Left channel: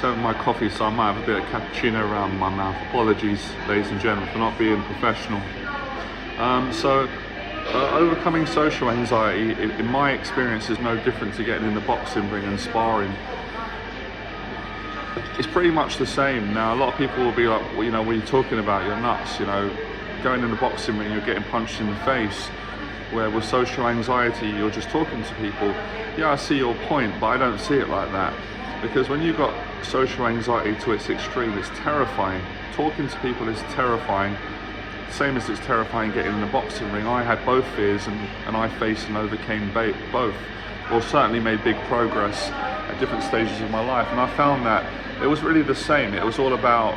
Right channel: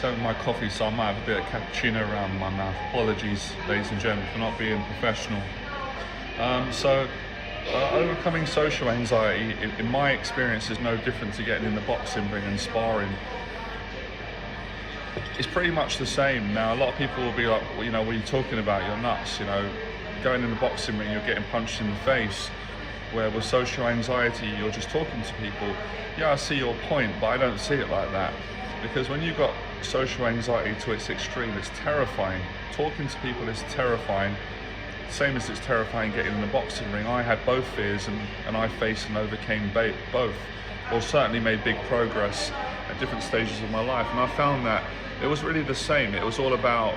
Serving my coffee, so I might have a bit of cappuccino around my mouth. Apologies, ladies and gentlemen, for not being professional. Overcoming social anxiety, in my experience, is no different to getting in the boxing ring and sparring. It's pretty much the same. Now, a lot of people will be like, well, what are you talking about? You're nuts, Going in the boxing ring, you're getting punched in the face. Where with social anxiety, you're just talking to people. Yeah, I see your point, but I don't see it like that. Because when you've got social anxiety to its extreme, it's terrifying. Talking to people is terrifying. Same as it's terrifying getting in the boxing ring. I had both fears and I faced and overcame both. Or certainly made big progress at different stages of my life. And I found that it was really the same. It was all about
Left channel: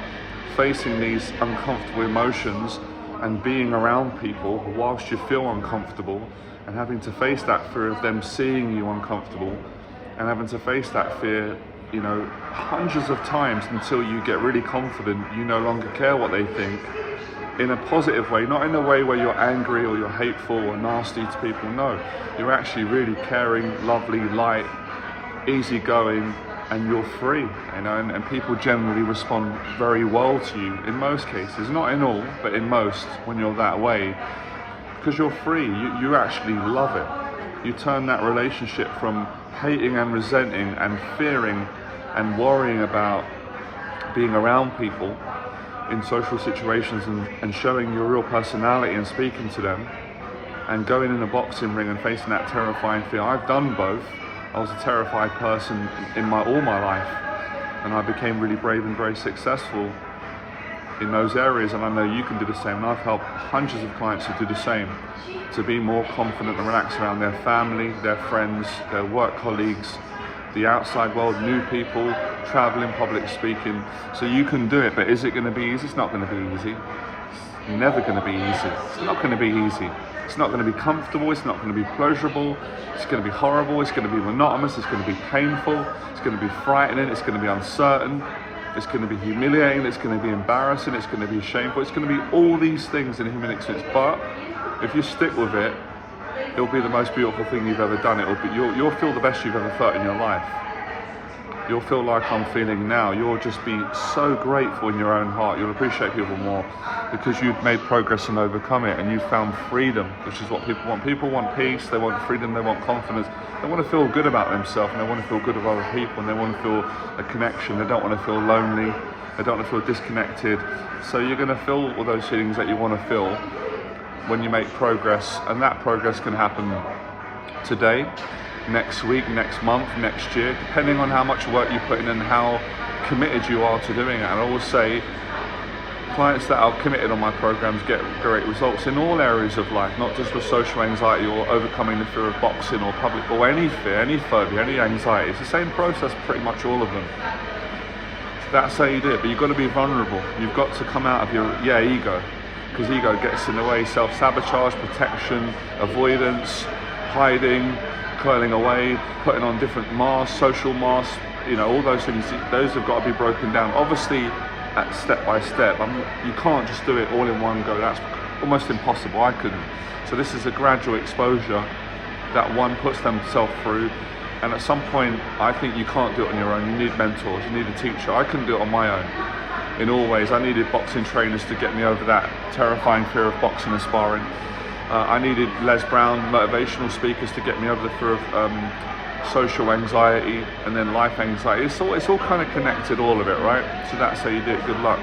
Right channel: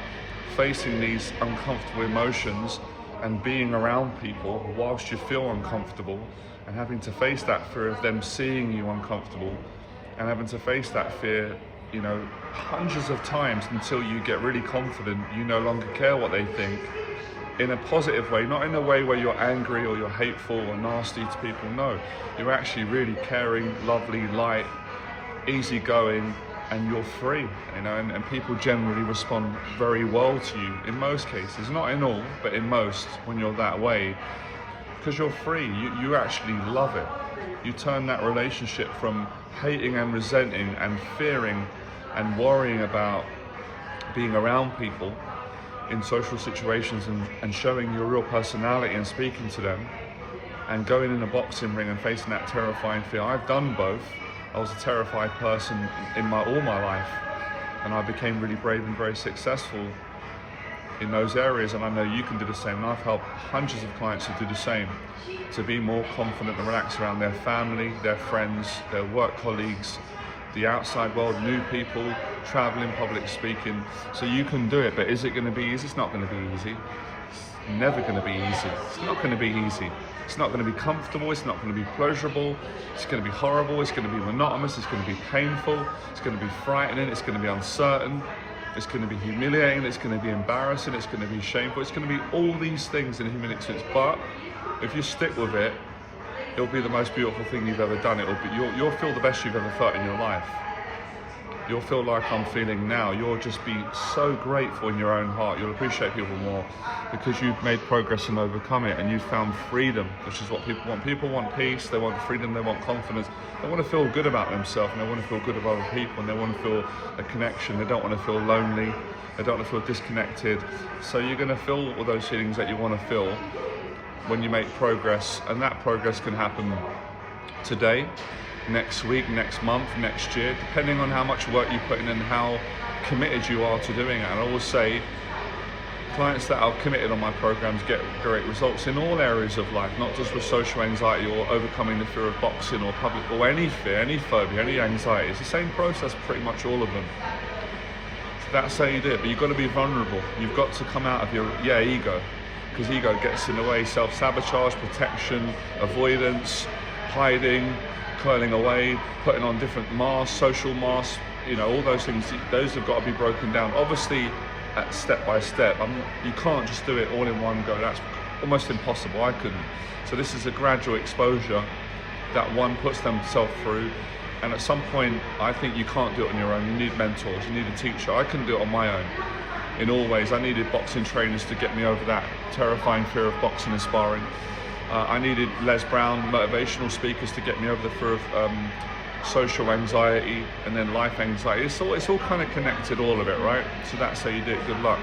facing these uncomfortable emotions and being around people whilst you feel uncomfortable, and having to face that fear of them seeing you uncomfortable, and having to face that fear, hundreds of times until you get really confident, you no longer care what they think, in a positive way, not in a way where you're angry or you're hateful or nasty to people. No, you're actually really caring, lovely, light, easygoing, and you're free, and people generally respond very well to you in most cases, not in all, but in most, when you're that way, because you're free. You actually love it. You turn that relationship from hating and resenting and fearing and worrying about being around people in social situations and showing your real personality and speaking to them, and going in the boxing ring and facing that terrifying fear. I've done both. I was a terrified person in all my life, and I became really brave and very successful in those areas, and I know you can do the same. And I've helped hundreds of clients to do the same, to be more confident and relaxed around their family, their friends, their work colleagues, the outside world, new people, traveling, public speaking. So you can do it, but is it going to be easy? It's not going to be easy. It's never going to be easy. It's not going to be easy. It's not going to be comfortable, it's not going to be pleasurable, it's going to be horrible, it's going to be monotonous, it's going to be painful, it's going to be frightening, it's going to be uncertain, it's going to be humiliating, it's going to be embarrassing, it's going to be shameful, it's going to be all these things in human existence. But if you stick with it, it'll be the most beautiful thing you've ever done. You'll feel the best you've ever felt in your life. You'll feel like I'm feeling now. You'll just be so grateful in your own heart. You'll appreciate people more because you've made progress and overcome it, and you've found freedom. This is what people want. People want peace, they want freedom, they want confidence. They want to feel good about themselves, and they want to feel good with other people, and they want to feel the connection. They don't want to feel lonely. They don't want to feel disconnected. So you're going to feel all those things that you want to feel when you make progress, and that progress can happen today, next week, next month, next year, depending on how much work you put in and how committed you are to doing it. And I always say, clients that are committed on my programs get great results in all areas of life, not just with social anxiety or overcoming the fear of boxing or public or any fear, any phobia, any anxiety. It's the same process, pretty much all of them. That's how you do it, but you've got to be vulnerable. You've got to come out of your ego, because ego gets in the way. Self-sabotage, protection, avoidance, hiding, curling away, putting on different masks, social masks, all those things, those have got to be broken down. Obviously, at step by step. You can't just do it all in one go. That's almost impossible. I couldn't. So this is a gradual exposure that one puts themselves through. And at some point, I think you can't do it on your own. You need mentors, you need a teacher. I couldn't do it on my own. In all ways, I needed boxing trainers to get me over that terrifying fear of boxing and sparring. I needed Les Brown motivational speakers to get me over the fear of social anxiety and then life anxiety. It's all kind of connected, all of it, right? So that's how you do it. Good luck.